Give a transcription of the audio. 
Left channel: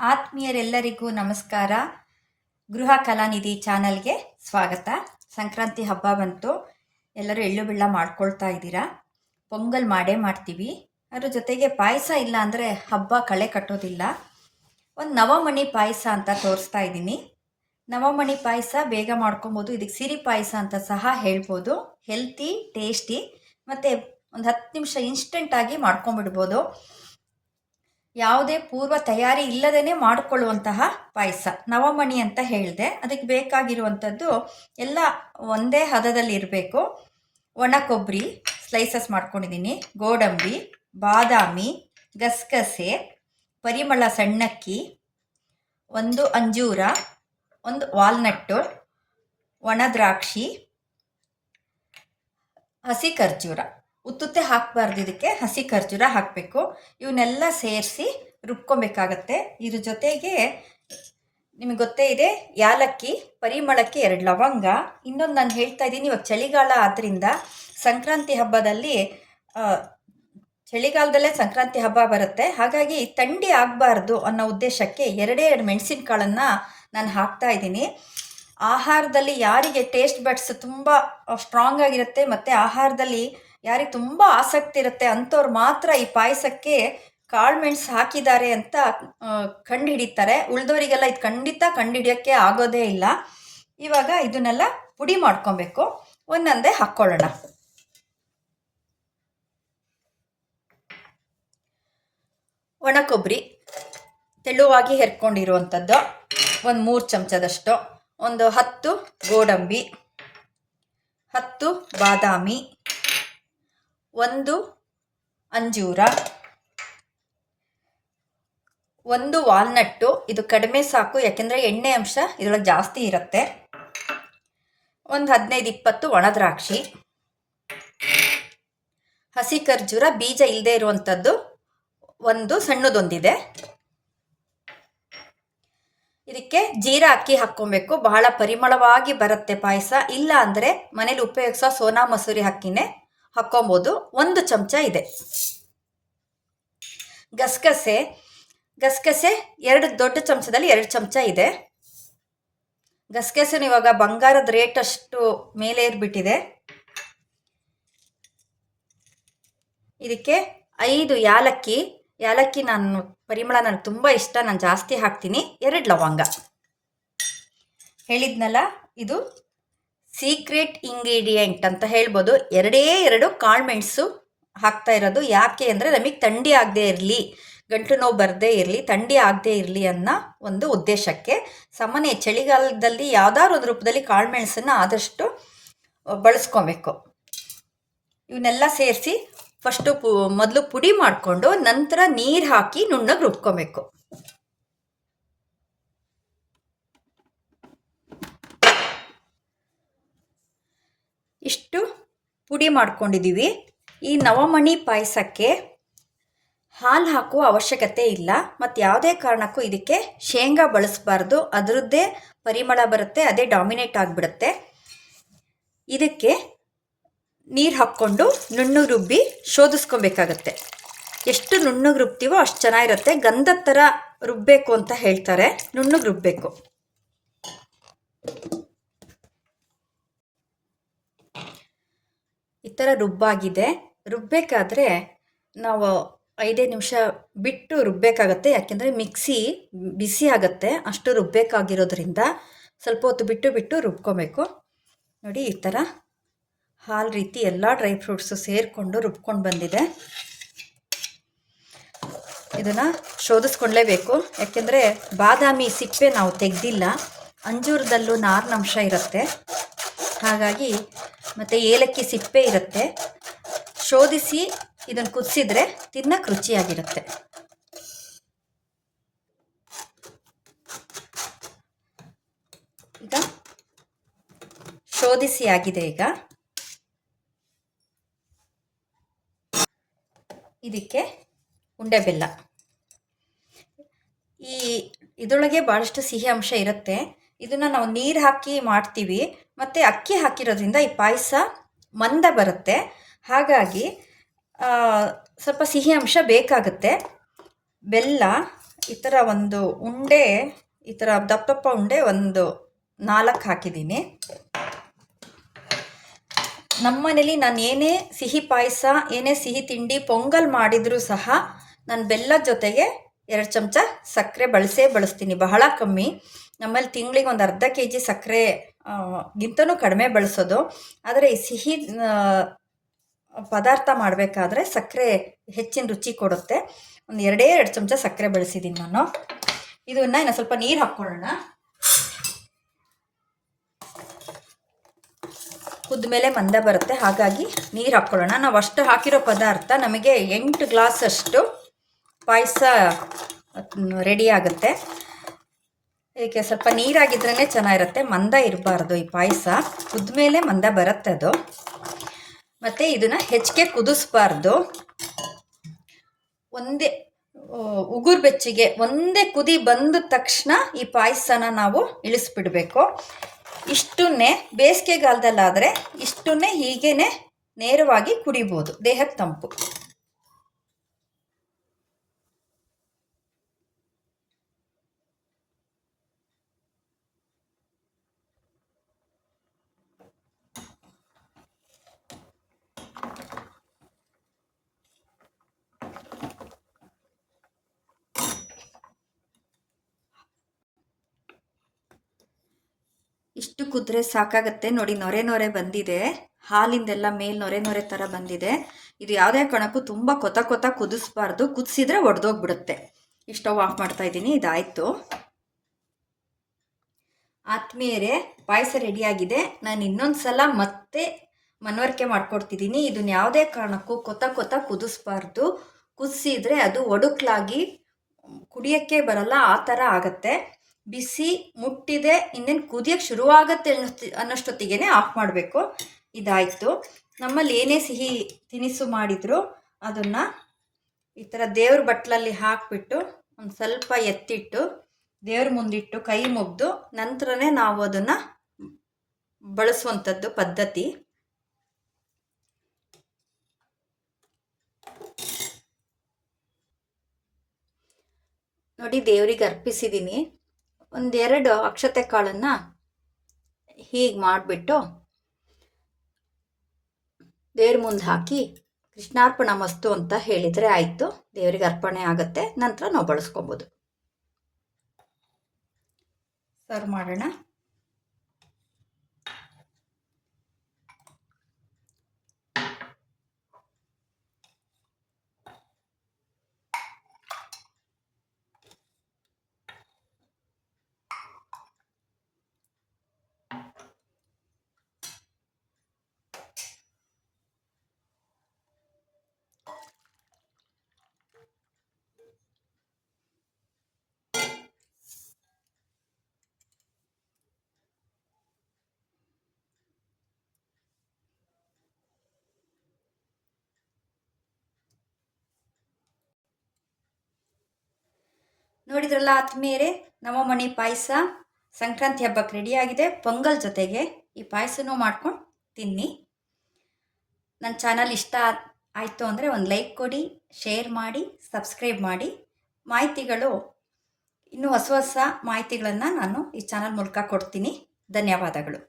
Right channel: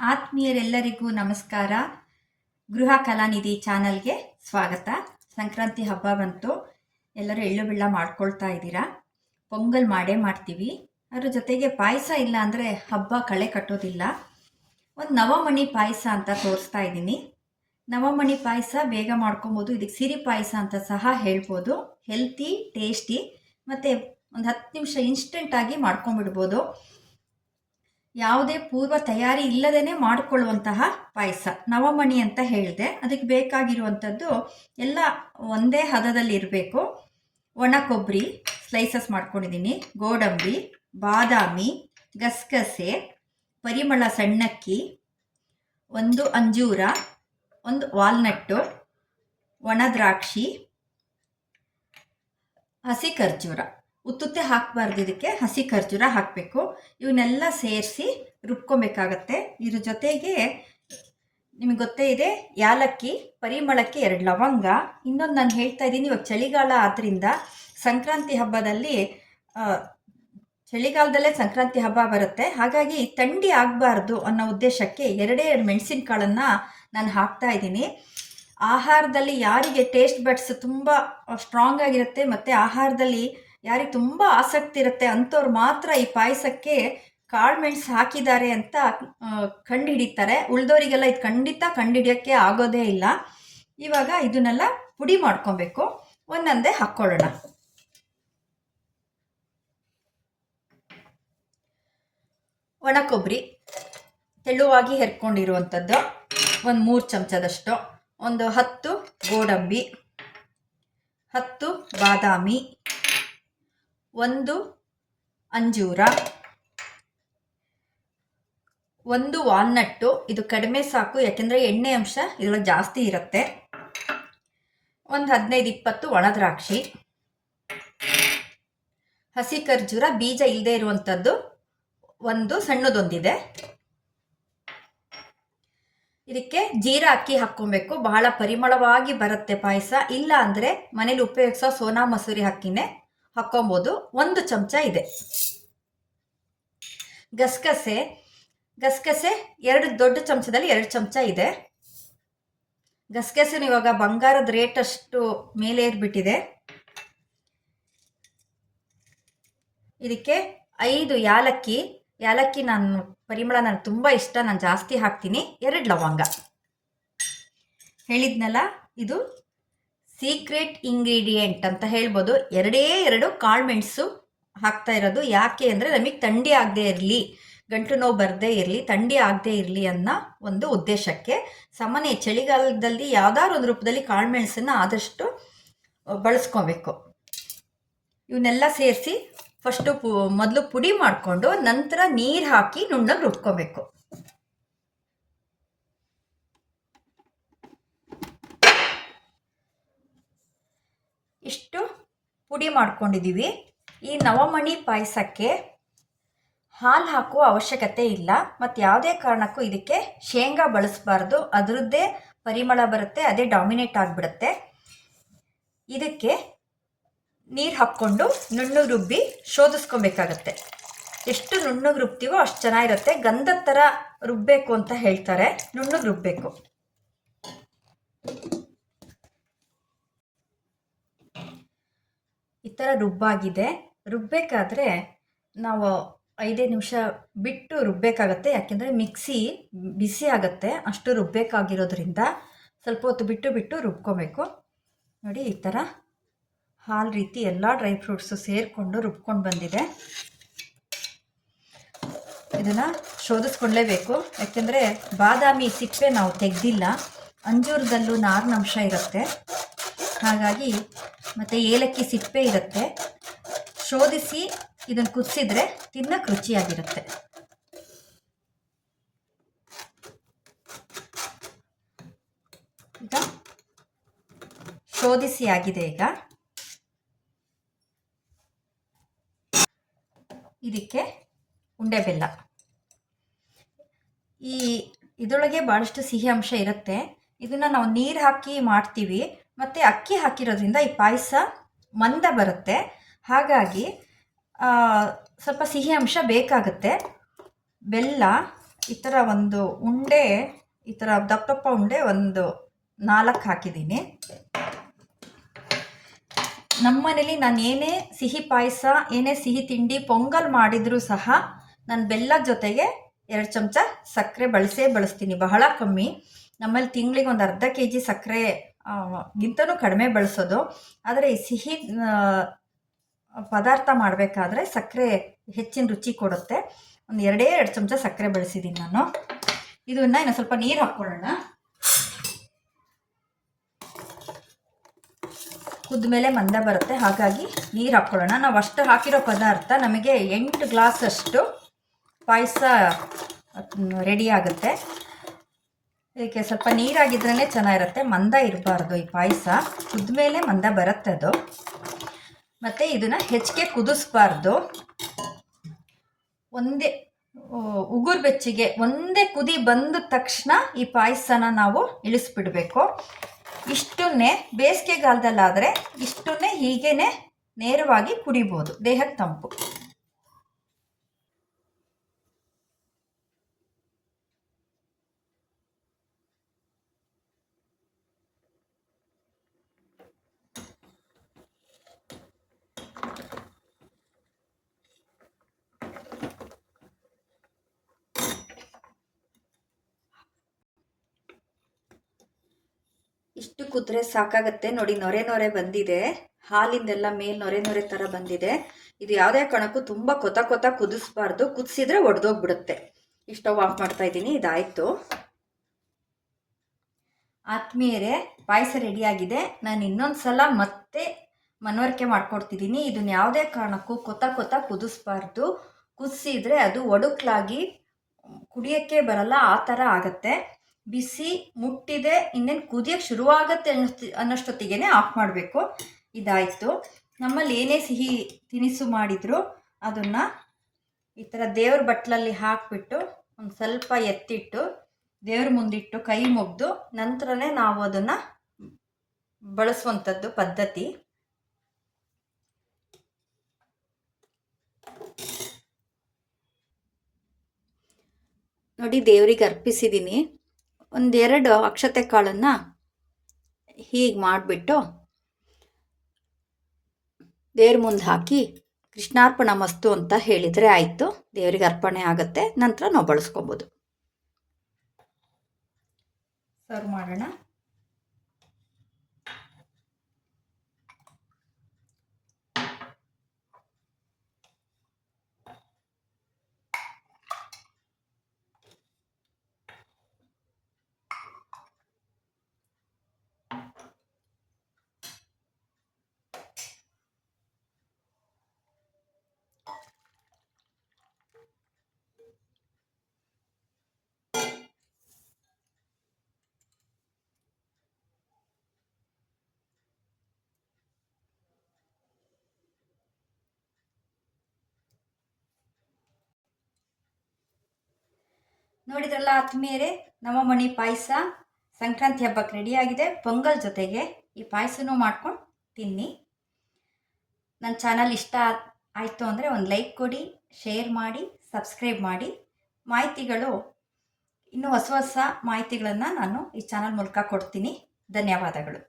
ಆತ್ಮೀಯರೆಲ್ಲರಿಗೂ ನಮಸ್ಕಾರ. ಗೃಹ ಕಲಾನಿಧಿ ಚಾನಲ್ಗೆ ಸ್ವಾಗತ. ಸಂಕ್ರಾಂತಿ ಹಬ್ಬ ಬಂತು. ಎಲ್ಲರೂ ಎಳ್ಳು ಬೆಳ್ಳ ಮಾಡ್ಕೊಳ್ತಾ ಇದ್ದೀರಾ? ಪೊಂಗಲ್ ಮಾಡೇ ಮಾಡ್ತೀವಿ. ಅದ್ರ ಜೊತೆಗೆ ಪಾಯಸ ಇಲ್ಲ ಅಂದರೆ ಹಬ್ಬ ಕಳೆ ಕಟ್ಟೋದಿಲ್ಲ. ಒಂದು ನವಮಣಿ ಪಾಯಸ ಅಂತ ತೋರಿಸ್ತಾ ಇದ್ದೀನಿ. ನವಮಣಿ ಪಾಯಸ ಬೇಗ ಮಾಡ್ಕೊಬೋದು. ಇದಕ್ಕೆ ಸಿರಿ ಪಾಯಸ ಅಂತ ಸಹ ಹೇಳ್ಬೋದು. ಹೆಲ್ತಿ, ಟೇಸ್ಟಿ, ಮತ್ತು ಒಂದು ಹತ್ತು ನಿಮಿಷ ಇನ್ಸ್ಟೆಂಟಾಗಿ ಮಾಡ್ಕೊಂಬಿಡ್ಬೋದು ಯಾವುದೇ ಪೂರ್ವ ತಯಾರಿ ಇಲ್ಲದೇ ಮಾಡಿಕೊಳ್ಳುವಂತಹ ಪಾಯಸ. ನವಮಣಿ ಅಂತ ಹೇಳಿದೆ. ಅದಕ್ಕೆ ಬೇಕಾಗಿರುವಂಥದ್ದು ಎಲ್ಲ ಒಂದೇ ಹದದಲ್ಲಿ ಇರಬೇಕು. ಒಣ ಕೊಬ್ಬರಿ ಸ್ಲೈಸಸ್ ಮಾಡ್ಕೊಂಡಿದ್ದೀನಿ. ಗೋಡಂಬಿ, ಬಾದಾಮಿ, ಗಸಗಸೆ, ಪರಿಮಳ ಸಣ್ಣಕ್ಕಿ, ಒಂದು ಅಂಜೂರ, ಒಂದು ವಾಲ್ನಟ್ಟು ಒಣ ದ್ರಾಕ್ಷಿ, ಹಸಿ ಖರ್ಜೂರ. ಉತ್ತುತ್ತೆ ಹಾಕಬಾರ್ದು ಇದಕ್ಕೆ, ಹಸಿ ಖರ್ಜೂರ ಹಾಕಬೇಕು. ಇವನ್ನೆಲ್ಲ ಸೇರಿಸಿ ರುಬ್ಕೊಬೇಕಾಗತ್ತೆ. ಇದ್ರ ಜೊತೆಗೆ ನಿಮಗೆ ಗೊತ್ತೇ ಇದೆ, ಯಾಲಕ್ಕಿ, ಪರಿಮಳಕ್ಕೆ ಎರಡು ಲವಂಗ. ಇನ್ನೊಂದು ನಾನು ಹೇಳ್ತಾ ಇದ್ದೀನಿ, ಇವಾಗ ಚಳಿಗಾಲ ಆದ್ದರಿಂದ ಸಂಕ್ರಾಂತಿ ಹಬ್ಬದಲ್ಲಿ ಚಳಿಗಾಲದಲ್ಲೇ ಸಂಕ್ರಾಂತಿ ಹಬ್ಬ ಬರುತ್ತೆ. ಹಾಗಾಗಿ ಥಂಡಿ ಆಗಬಾರ್ದು ಅನ್ನೋ ಉದ್ದೇಶಕ್ಕೆ ಎರಡೇ ಎರಡು ಮೆಣಸಿನ್ಕಾಳನ್ನು ನಾನು ಹಾಕ್ತಾ ಇದ್ದೀನಿ. ಆಹಾರದಲ್ಲಿ ಯಾರಿಗೆ ಟೇಸ್ಟ್ ಬಡ್ಸ್ ತುಂಬ ಸ್ಟ್ರಾಂಗ್ ಆಗಿರುತ್ತೆ, ಮತ್ತು ಆಹಾರದಲ್ಲಿ ಯಾರಿಗೆ ತುಂಬ ಆಸಕ್ತಿ ಇರುತ್ತೆ ಅಂಥವ್ರು ಮಾತ್ರ ಈ ಪಾಯಸಕ್ಕೆ ಕಾಳು ಹಾಕಿದ್ದಾರೆ ಅಂತ ಕಂಡು ಹಿಡಿತಾರೆ ಉಳಿದವರಿಗೆಲ್ಲ ಇದು ಖಂಡಿತ ಕಂಡುಹಿಡಿಯೋಕ್ಕೆ ಆಗೋದೇ ಇಲ್ಲ. ಇವಾಗ ಇದನ್ನೆಲ್ಲ ಪುಡಿ ಮಾಡ್ಕೊಬೇಕು. ಒಂದೊಂದೇ ಹಾಕ್ಕೊಳ್ಳೋಣ. ಒಣ ಕೊಬ್ಬರಿ ತೆಳುವಾಗಿ ಹೆರ್ಕೊಂಡಿರುವಂಥದ್ದು. ಒಂದು ಮೂರು ಚಮಚದಷ್ಟು. ಒಂದು ಹತ್ತು ಗೋಡಂಬಿ. ಹತ್ತು ಬಾದಾಮಿ. ಒಂದು ಅಂಜೂರ, ಒಂದು ವಾಲ್ನಟ್ಟು. ಇದು ಕಡಿಮೆ ಸಾಕು, ಯಾಕೆಂದರೆ ಎಣ್ಣೆ ಅಂಶ ಇದರೊಳಗೆ ಜಾಸ್ತಿ ಇರುತ್ತೆ. ಒಂದು ಹದಿನೈದು ಇಪ್ಪತ್ತು ಒಣದ್ರಾಕ್ಷಿ ಹಸಿ ಖರ್ಜೂರ, ಬೀಜ ಇಲ್ಲದೆ ಇರುವಂಥದ್ದು ಒಂದು ಸಣ್ಣದೊಂದಿದೆ. ಇದಕ್ಕೆ ಜೀರಾ ಅಕ್ಕಿ ಹಾಕ್ಕೊಬೇಕು. ಬಹಳ ಪರಿಮಳವಾಗಿ ಬರುತ್ತೆ ಪಾಯಸ. ಇಲ್ಲ ಅಂದರೆ ಮನೇಲಿ ಉಪಯೋಗಿಸೋ ಸೋನಾ ಮಸೂರಿ ಅಕ್ಕಿನೇ. ಹಾಕ್ಕೊಬೋದು. ಒಂದು ಚಮಚ ಇದೆ. ಗಸಗಸೆ ಗಸಗಸೆ ಎರಡು ದೊಡ್ಡ ಚಮಚದಲ್ಲಿ ಎರಡು ಚಮಚ ಇದೆ. ಗಸಗಸೆನ ಇವಾಗ ಬಂಗಾರದ ರೇಟ್ ಅಷ್ಟು ಮೇಲೆ ಏರ್ಬಿಟ್ಟಿದೆ. ಇದಕ್ಕೆ ಐದು ಯಾಲಕ್ಕಿ. ಯಾಲಕ್ಕಿ ನಾನು ಪರಿಮಳ ನನಗೆ ತುಂಬ ಇಷ್ಟ ನಾನು ಜಾಸ್ತಿ ಹಾಕ್ತೀನಿ. ಎರಡು ಲವಂಗ. ಹೇಳಿದ್ನಲ್ಲ, ಇದು ಸೀಕ್ರೆಟ್ ಇಂಗ್ರೀಡಿಯೆಂಟ್ ಅಂತ ಹೇಳ್ಬೋದು. ಎರಡೇ ಎರಡು ಕಾಳುಮೆಣಸು ಹಾಕ್ತಾ ಇರೋದು. ಯಾಕೆ ಅಂದರೆ ನಮಗೆ ಥಂಡಿ ಆಗದೆ ಇರಲಿ, ಗಂಟು ನೋವು ಬರದೇ ಇರಲಿ, ಥಂಡಿ ಆಗದೆ ಇರಲಿ ಅನ್ನೋ ಒಂದು ಉದ್ದೇಶಕ್ಕೆ ಸಾಮಾನ್ಯ ಚಳಿಗಾಲದಲ್ಲಿ ಯಾವ್ದಾದ್ರು ಒಂದು ರೂಪದಲ್ಲಿ ಕಾಳುಮೆಣಸನ್ನು ಆದಷ್ಟು ಬಳಸ್ಕೊಬೇಕು. ಇವನ್ನೆಲ್ಲ ಸೇರಿಸಿ ಫಸ್ಟು ಪು, ಮೊದಲು ಪುಡಿ ಮಾಡಿಕೊಂಡು ನಂತರ ನೀರು ಹಾಕಿ ನುಣ್ಣಗೆ ರುಬ್ಕೊಬೇಕು. ಇಷ್ಟು ಪುಡಿ ಮಾಡ್ಕೊಂಡಿದ್ದೀವಿ. ಈ ನವಮಣಿ ಪಾಯಸಕ್ಕೆ ಹಾಲು ಹಾಕುವ ಅವಶ್ಯಕತೆ ಇಲ್ಲ. ಮತ್ತು ಯಾವುದೇ ಕಾರಣಕ್ಕೂ ಇದಕ್ಕೆ ಶೇಂಗಾ ಬಳಸಬಾರ್ದು. ಅದರದ್ದೇ ಪರಿಮಳ ಬರುತ್ತೆ, ಅದೇ ಡಾಮಿನೇಟ್ ಆಗಿಬಿಡುತ್ತೆ. ಇದಕ್ಕೆ ನೀರು ಹಾಕ್ಕೊಂಡು ನುಣ್ಣು ರುಬ್ಬಿ ಶೋಧಿಸ್ಕೊಬೇಕಾಗತ್ತೆ. ಎಷ್ಟು ನುಣ್ಣಗೆ ರುಬ್ತೀವೋ ಅಷ್ಟು ಚೆನ್ನಾಗಿರುತ್ತೆ. ಗಂಧದ ಥರ ರುಬ್ಬಬೇಕು ಅಂತ ಹೇಳ್ತಾರೆ. ನುಣ್ಣಗೆ ರುಬ್ಬಬೇಕು ಈ ಥರ ರುಬ್ಬಾಗಿದೆ. ರುಬ್ಬಬೇಕಾದ್ರೆ ನಾವು ಐದೇ ನಿಮಿಷ ಬಿಟ್ಟು ರುಬ್ಬಬೇಕಾಗತ್ತೆ ಯಾಕೆಂದರೆ ಮಿಕ್ಸಿ ಬಿಸಿ ಆಗುತ್ತೆ. ಅಷ್ಟು ರುಬ್ಬಬೇಕಾಗಿರೋದ್ರಿಂದ ಸ್ವಲ್ಪ ಹೊತ್ತು ಬಿಟ್ಟು ಬಿಟ್ಟು ರುಬ್ಕೊಬೇಕು. ನೋಡಿ ಈ ಥರ ಹಾಲು ರೀತಿ ಎಲ್ಲ ಡ್ರೈ ಫ್ರೂಟ್ಸು ಸೇರಿಕೊಂಡು ರುಬ್ಕೊಂಡು ಬಂದಿದೆ. ಇದನ್ನು ಶೋಧಿಸ್ಕೊಳ್ಳೇಬೇಕು ಯಾಕೆಂದರೆ ಬಾದಾಮಿ ಸಿಪ್ಪೆ ನಾವು ತೆಗೆದಿಲ್ಲ. ಅಂಜೂರದಲ್ಲೂ ನಾರಿನಂಶ ಇರುತ್ತೆ. ಹಾಗಾಗಿ ಮತ್ತು ಏಲಕ್ಕಿ ಸಿಪ್ಪೆ ಇರುತ್ತೆ. ಶೋಧಿಸಿ ಇದನ್ನು ಕುದಿಸಿದ್ರೆ ತಿನ್ನಕ್ಕೆ ರುಚಿಯಾಗಿರುತ್ತೆ. ಈಗ ಶೋಧಿಸಿ ಆಗಿದೆ ಈಗ. ಇದಕ್ಕೆ ಉಂಡೆ ಬೆಲ್ಲ. ಈ ಇದರೊಳಗೆ ಭಾಳಷ್ಟು ಸಿಹಿ ಅಂಶ ಇರುತ್ತೆ. ಇದನ್ನು ನಾವು ನೀರು ಹಾಕಿ ಮಾಡ್ತೀವಿ. ಮತ್ತು ಅಕ್ಕಿ ಹಾಕಿರೋದ್ರಿಂದ ಈ ಪಾಯಸ ಮಂದ ಬರುತ್ತೆ. ಹಾಗಾಗಿ ಸ್ವಲ್ಪ ಸಿಹಿ ಅಂಶ ಬೇಕಾಗುತ್ತೆ. ಬೆಲ್ಲ, ಈ ಥರ ಒಂದು ಉಂಡೆ, ಈ ಥರ ದಪ್ಪ ದಪ್ಪ ಉಂಡೆ ಒಂದು ನಾಲ್ಕು ಹಾಕಿದ್ದೀನಿ. ನಮ್ಮ ಮನೇಲಿ ನಾನು ಏನೇ ಸಿಹಿ ಪಾಯಸ, ಏನೇ ಸಿಹಿ ತಿಂಡಿ ಪೊಂಗಲ್ ಮಾಡಿದರೂ ಸಹ ನಾನು ಬೆಲ್ಲದ ಜೊತೆಗೆ ಎರಡು ಚಮಚ ಸಕ್ಕರೆ ಬಳಸೇ ಬಳಸ್ತೀನಿ. ಬಹಳ ಕಮ್ಮಿ. ನಮ್ಮಲ್ಲಿ ತಿಂಗಳಿಗೆ ಒಂದು ಅರ್ಧ ಕೆ ಜಿ ಸಕ್ಕರೆ ಗಿಂತನೂ ಕಡಿಮೆ ಬಳಸೋದು. ಆದರೆ ಈ ಸಿಹಿ ಪದಾರ್ಥ ಮಾಡಬೇಕಾದ್ರೆ ಸಕ್ಕರೆ ಹೆಚ್ಚಿನ ರುಚಿ ಕೊಡುತ್ತೆ. ಒಂದು ಎರಡೇ ಎರಡು ಚಮಚ ಸಕ್ಕರೆ ಬಳಸಿದ್ದೀನಿ ನಾನು. ಇದನ್ನು ಇನ್ನು ಸ್ವಲ್ಪ ನೀರು ಹಾಕ್ಕೊಳ್ಳೋಣ. ಕುದ್ಮೇಲೆ ಮಂದ ಬರುತ್ತೆ. ಹಾಗಾಗಿ ನೀರು ಹಾಕ್ಕೊಳ್ಳೋಣ. ನಾವು ಅಷ್ಟು ಹಾಕಿರೋ ಪದಾರ್ಥ ನಮಗೆ ಎಂಟು ಗ್ಲಾಸ್ ಅಷ್ಟು ಪಾಯಸ ರೆಡಿ ಆಗುತ್ತೆ. ಇದಕ್ಕೆ ಸ್ವಲ್ಪ ನೀರಾಗಿದ್ರೇ ಚೆನ್ನಾಗಿರುತ್ತೆ. ಮಂದ ಇರಬಾರ್ದು ಈ ಪಾಯಸ. ಕುದ್ಮೇಲೆ ಮಂದ ಬರುತ್ತೆ ಅದು. ಮತ್ತು ಇದನ್ನು ಹೆಚ್ಚಿಗೆ ಕುದಿಸ್ಬಾರ್ದು. ಒಂದೇ ಉಗುರು ಬೆಚ್ಚಿಗೆ ಒಂದೇ ಕುದಿ ಬಂದ ತಕ್ಷಣ ಈ ಪಾಯಸನ ನಾವು ಇಳಿಸ್ಬಿಡಬೇಕು. ಇಷ್ಟನ್ನೇ ಬೇಸಿಗೆಗಾಲದಲ್ಲಾದರೆ ಇಷ್ಟನ್ನೇ ಹೀಗೇ ನೇರವಾಗಿ ಕುಡಿಬೋದು. ದೇಹಕ್ಕೆ ತಂಪು. ಇಷ್ಟು ಕುದ್ರೆ ಸಾಕಾಗತ್ತೆ. ನೋಡಿ, ನೊರೆ ನೊರೆ ಬಂದಿದೆ. ಹಾಲಿಂದೆಲ್ಲ ಮೇಲ್ ನೊರೆ ನೊರೆ ಥರ ಬಂದಿದೆ. ಇದು ಯಾವುದೇ ಕಾರಣಕ್ಕೂ ತುಂಬ ಕೊತ ಕೊತ ಕುದಿಸ್ಬಾರ್ದು. ಕುದಿಸಿದ್ರೆ ಒಡೆದೋಗ್ಬಿಡುತ್ತೆ. ಸ್ಟವ್ ಆಫ್ ಮಾಡ್ತಾ ಇದ್ದೀನಿ. ಇದಾಯಿತು. ಆತ್ಮೀಯರೇ, ಪಾಯಸ ರೆಡಿಯಾಗಿದೆ ನಾನು ಇನ್ನೊಂದು ಸಲ ಮತ್ತೆ ಮನವರಿಕೆ ಮಾಡ್ಕೊಡ್ತಿದ್ದೀನಿ. ಇದನ್ನ ಯಾವುದೇ ಕಾರಣಕ್ಕೂ ಕೊತ ಕೊತ ಕುದಿಸ್ಬಾರ್ದು. ಕುದಿಸಿದ್ರೆ ಅದು ಒಡುಕ್ಲಾಗಿ ಕುಡಿಯೋಕ್ಕೆ ಬರಲ್ಲ. ಆ ಥರ ಆಗತ್ತೆ. ಬಿಸಿ ಮುಟ್ಟಿದೆ, ಇನ್ನೇನು ಕುದಿಯೋಕ್ಕೆ ಶುರುವಾಗತ್ತೆ ಅನ್ನೋಸ್ತಿ ಅನ್ನೋಷ್ಟೊತ್ತಿಗೆ ಆಫ್ ಮಾಡಬೇಕು. ಇದಾಯಿತು. ನಮ್ಮಲ್ಲಿ ಏನೇ ಸಿಹಿ ತಿನಿಸು ಮಾಡಿದರೂ ಅದನ್ನು ಈ ಥರ ದೇವ್ರ ಬಟ್ಲಲ್ಲಿ ಹಾಕಿಬಿಟ್ಟು ಒಂದು ಸ್ವಲ್ಪ ಎತ್ತಿಟ್ಟು ದೇವ್ರ ಮುಂದಿಟ್ಟು ಕೈ ಮುಗ್ದು ನಂತರನೇ ನಾವು ಅದನ್ನು ಬಳಸುವಂಥದ್ದು ಪದ್ಧತಿ. ನೋಡಿ ದೇವ್ರಿಗೆ ಅರ್ಪಿಸಿದ್ದೀನಿ ಒಂದೆರಡು ಅಕ್ಷತೆ ಕಾಳನ್ನು ಹೀಗೆ ಮಾಡಿಬಿಟ್ಟು ದೇವ್ರ ಮುಂದೆ ಹಾಕಿ ಕೃಷ್ಣಾರ್ಪಣ ಮಸ್ತು ಅಂತ ಹೇಳಿದರೆ ಆಯಿತು. ದೇವರಿಗೆ ಅರ್ಪಣೆ ಆಗುತ್ತೆ. ನಂತರ ನಾವು ಬಳಸ್ಕೊಬೋದು. ಸರ್ ಮಾಡೋಣ? ನೋಡಿದ್ರಲ್ಲ ಆತ್ಮೀಯರೇ ನಮ್ಮ ಮಣಿ ಪಾಯಸ, ಸಂಕ್ರಾಂತಿ ಹಬ್ಬಕ್ಕೆ ರೆಡಿಯಾಗಿದೆ ಪೊಂಗಲ್ ಜೊತೆಗೆ ಈ ಪಾಯಸನೂ ಮಾಡ್ಕೊಂಡು ತಿನ್ನಿ. ನನ್ನ ಚಾನಲ್ ಇಷ್ಟ ಆಯಿತು ಅಂದರೆ ಒಂದು ಲೈಕ್ ಕೊಡಿ ಶೇರ್ ಮಾಡಿ ಸಬ್ಸ್ಕ್ರೈಬ್ ಮಾಡಿ. ಮಾಹಿತಿಗಳು, ಇನ್ನೂ ಹೊಸ ಹೊಸ ಮಾಹಿತಿಗಳನ್ನು ನಾನು ಈ ಚಾನಲ್ ಮೂಲಕ ಕೊಡ್ತೀನಿ. ಧನ್ಯವಾದಗಳು.